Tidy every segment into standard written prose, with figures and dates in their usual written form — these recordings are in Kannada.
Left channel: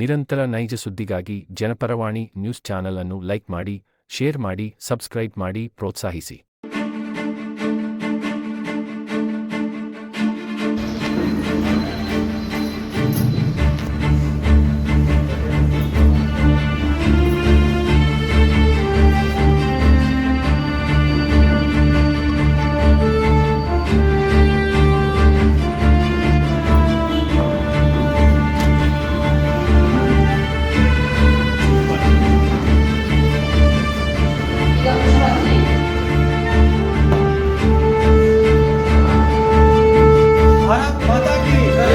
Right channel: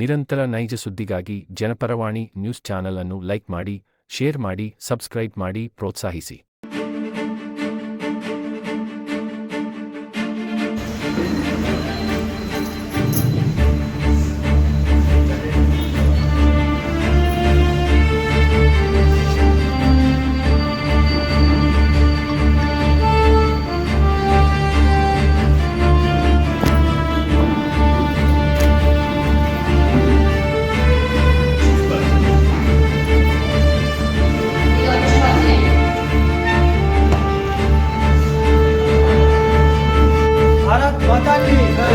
ನಿರಂತರ ನೈಜ ಸುದ್ದಿಗಾಗಿ ಜನಪರವಾಣಿ ನ್ಯೂಸ್ ಚಾನೆಲ್ ಅನ್ನು ಲೈಕ್ ಮಾಡಿ, ಶೇರ್ ಮಾಡಿ, ಸಬ್ಸ್ಕ್ರೈಬ್ ಮಾಡಿ, ಪ್ರೋತ್ಸಾಹಿಸಿ. भारत माता की जय,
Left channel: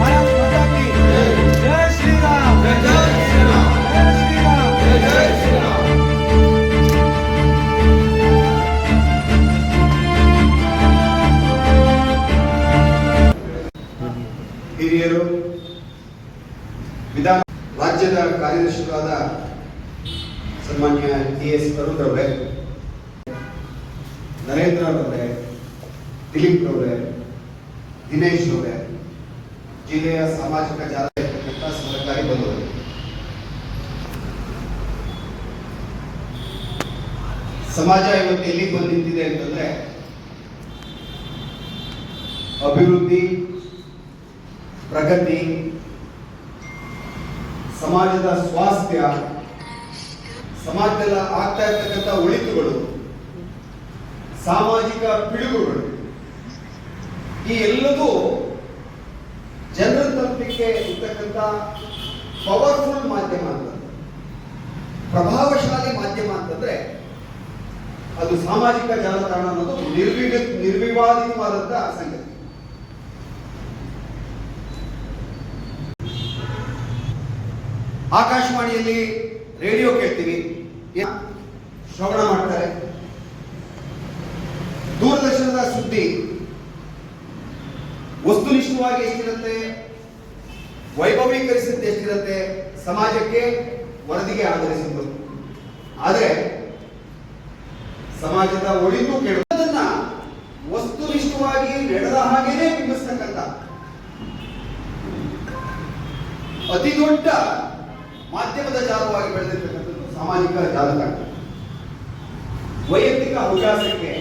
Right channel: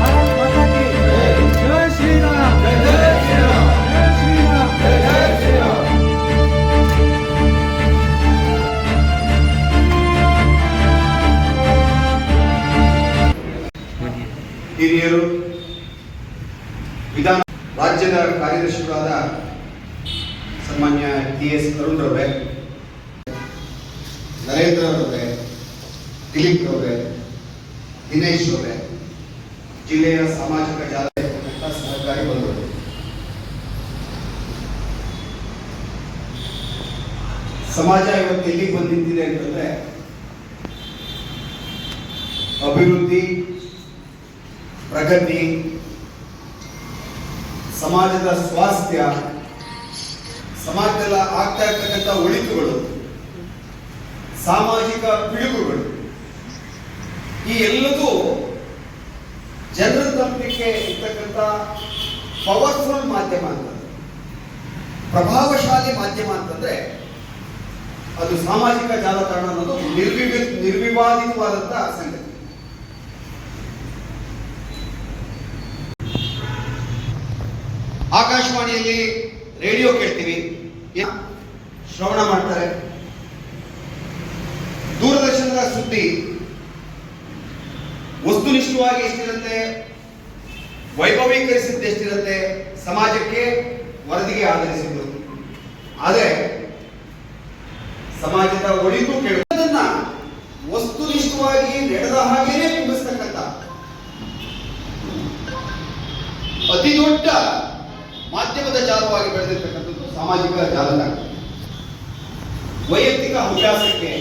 भारत माता की जय, जय श्री राम, जय श्री राम, जय श्री राम, जय श्री राम. ಹಿರಿಯರು, ವಿಧಾನ ರಾಜ್ಯದ ಕಾರ್ಯದರ್ಶಿಗಳಾದ ಸನ್ಮಾನ್ಯ ಟಿ.ಎಸ್. ಅರುಣ್ ರವರೇ, ನರೇಂದ್ರ ರವರೇ, ದಿಲೀಪ್ ರವರೇ, ದಿನೇಶ್ ಅವರೇ, ಜಿಲ್ಲೆಯ ಸಾಮಾಜಿಕ ಜಾಲ ಸಹಕಾರಿ ಬಂಧುಗಳು, ಸಮಾಜ ಇವತ್ತು ಎಲ್ಲಿಗೆ ಬಂದು ನಿಂತಿದೆ ಅಂತಂದ್ರೆ ಅಭಿವೃದ್ಧಿ, ಪ್ರಗತಿ, ಸಮಾಜದ ಸ್ವಾಸ್ಥ್ಯ, ಸಮಾಜದಲ್ಲಿ ಆಗ್ತಾ ಇರ್ತಕ್ಕಂಥ ಒಳಿತುಗಳು, ಸಾಮಾಜಿಕ ಪಿಡುಗುಗಳು, ಈ ಎಲ್ಲದೂ ಜನರ ತಲುಪಲಿಕ್ಕೆ ಇರ್ತಕ್ಕಂಥ ಪವರ್ಫುಲ್ ಮಾಧ್ಯಮ ಅಂತಂದ್ರೆ, ಪ್ರಭಾವಶಾಲಿ ಮಾಧ್ಯಮ ಅಂತಂದ್ರೆ ಅದು ಸಾಮಾಜಿಕ ಜಾಲತಾಣ ಅನ್ನೋದು ನಿರ್ವಿವಾದಿತವಾದಂತಹ ಸಂಗತಿ. ಆಕಾಶವಾಣಿಯಲ್ಲಿ ರೇಡಿಯೋ ಕೇಳ್ತೀವಿ, ಶ್ರವಣ ಮಾಡ್ತಾರೆ. ದೂರದರ್ಶನದ ಸುದ್ದಿ ವಸ್ತುನಿಷ್ಠವಾಗಿ ಎಷ್ಟಿರುತ್ತೆ, ವೈಭವೀಕರಿಸಿದ್ದು ಎಷ್ಟಿರುತ್ತೆ, ಸಮಾಜಕ್ಕೆ ವರದಿಗೆ ಆಧರಿಸಿದ್ದು. ಆದರೆ ಸಮಾಜದ ಒಳಿತು ಕೇಳುವುದನ್ನ ವಸ್ತುನಿಷ್ಠವಾಗಿ ನಡೆದ ಹಾಗೆಯೇ ಬಿಂಬಿಸ್ತಕ್ಕಂಥ ಅತಿ ದೊಡ್ಡ ಮಾಧ್ಯಮದ ಜಾಲವಾಗಿ ಬೆಳೆದಿರ್ತಕ್ಕಂಥದ್ದು ಸಾಮಾಜಿಕ ಜಾಲತಾಣ. ವೈಯಕ್ತಿಕ ಹವ್ಯಾಸಕ್ಕೆ,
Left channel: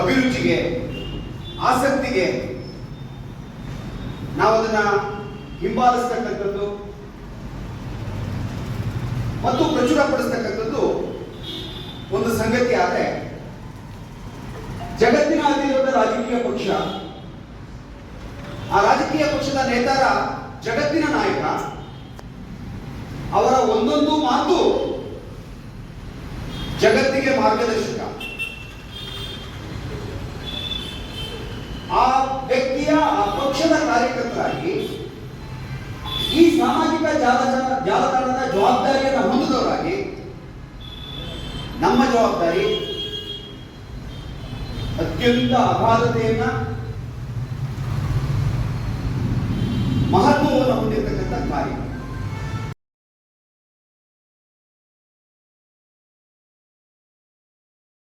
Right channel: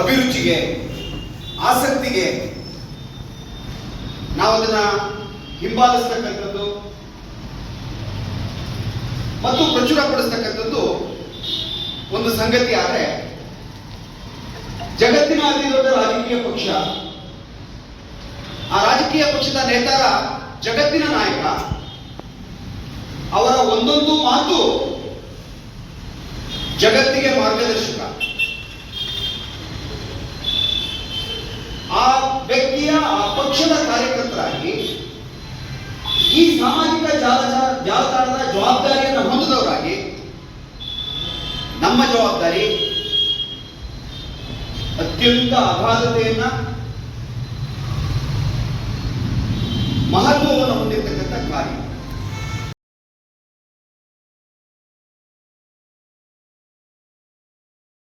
ಅಭಿರುಚಿಗೆ, ಆಸಕ್ತಿಗೆ ನಾವು ಅದನ್ನ ಹಿಂಬಾಲಿಸ್ತಕ್ಕಂಥದ್ದು ಮತ್ತು ಪ್ರಚುರಪಡಿಸ್ತಕ್ಕಂಥದ್ದು ಒಂದು ಸಂಗತಿ. ಆದರೆ ಜಗತ್ತಿನ ಅತಿ ದೊಡ್ಡ ರಾಜಕೀಯ ಪಕ್ಷ, ಆ ರಾಜಕೀಯ ಪಕ್ಷದ ನೇತಾರ ಜಗತ್ತಿನ ನಾಯಕ, ಅವರ ಒಂದೊಂದು ಮಾತು ಜಗತ್ತಿಗೆ ಮಾರ್ಗದರ್ಶಕ. ಆ ವ್ಯಕ್ತಿಯ, ಆ ಪಕ್ಷದ ಕಾರ್ಯಕರ್ತರಾಗಿ ಈ ಸಾಮಾಜಿಕ ಜಾಲತಾಣದ ಜವಾಬ್ದಾರಿಯನ್ನು ಹೊಂದಿದವರಾಗಿ ನಮ್ಮ ಜವಾಬ್ದಾರಿ ಅತ್ಯಂತ ಅಗಾಧತೆಯನ್ನ, ಮಹತ್ವವನ್ನು ಹೊಂದಿರತಕ್ಕಂಥ ಕಾರ್ಯ.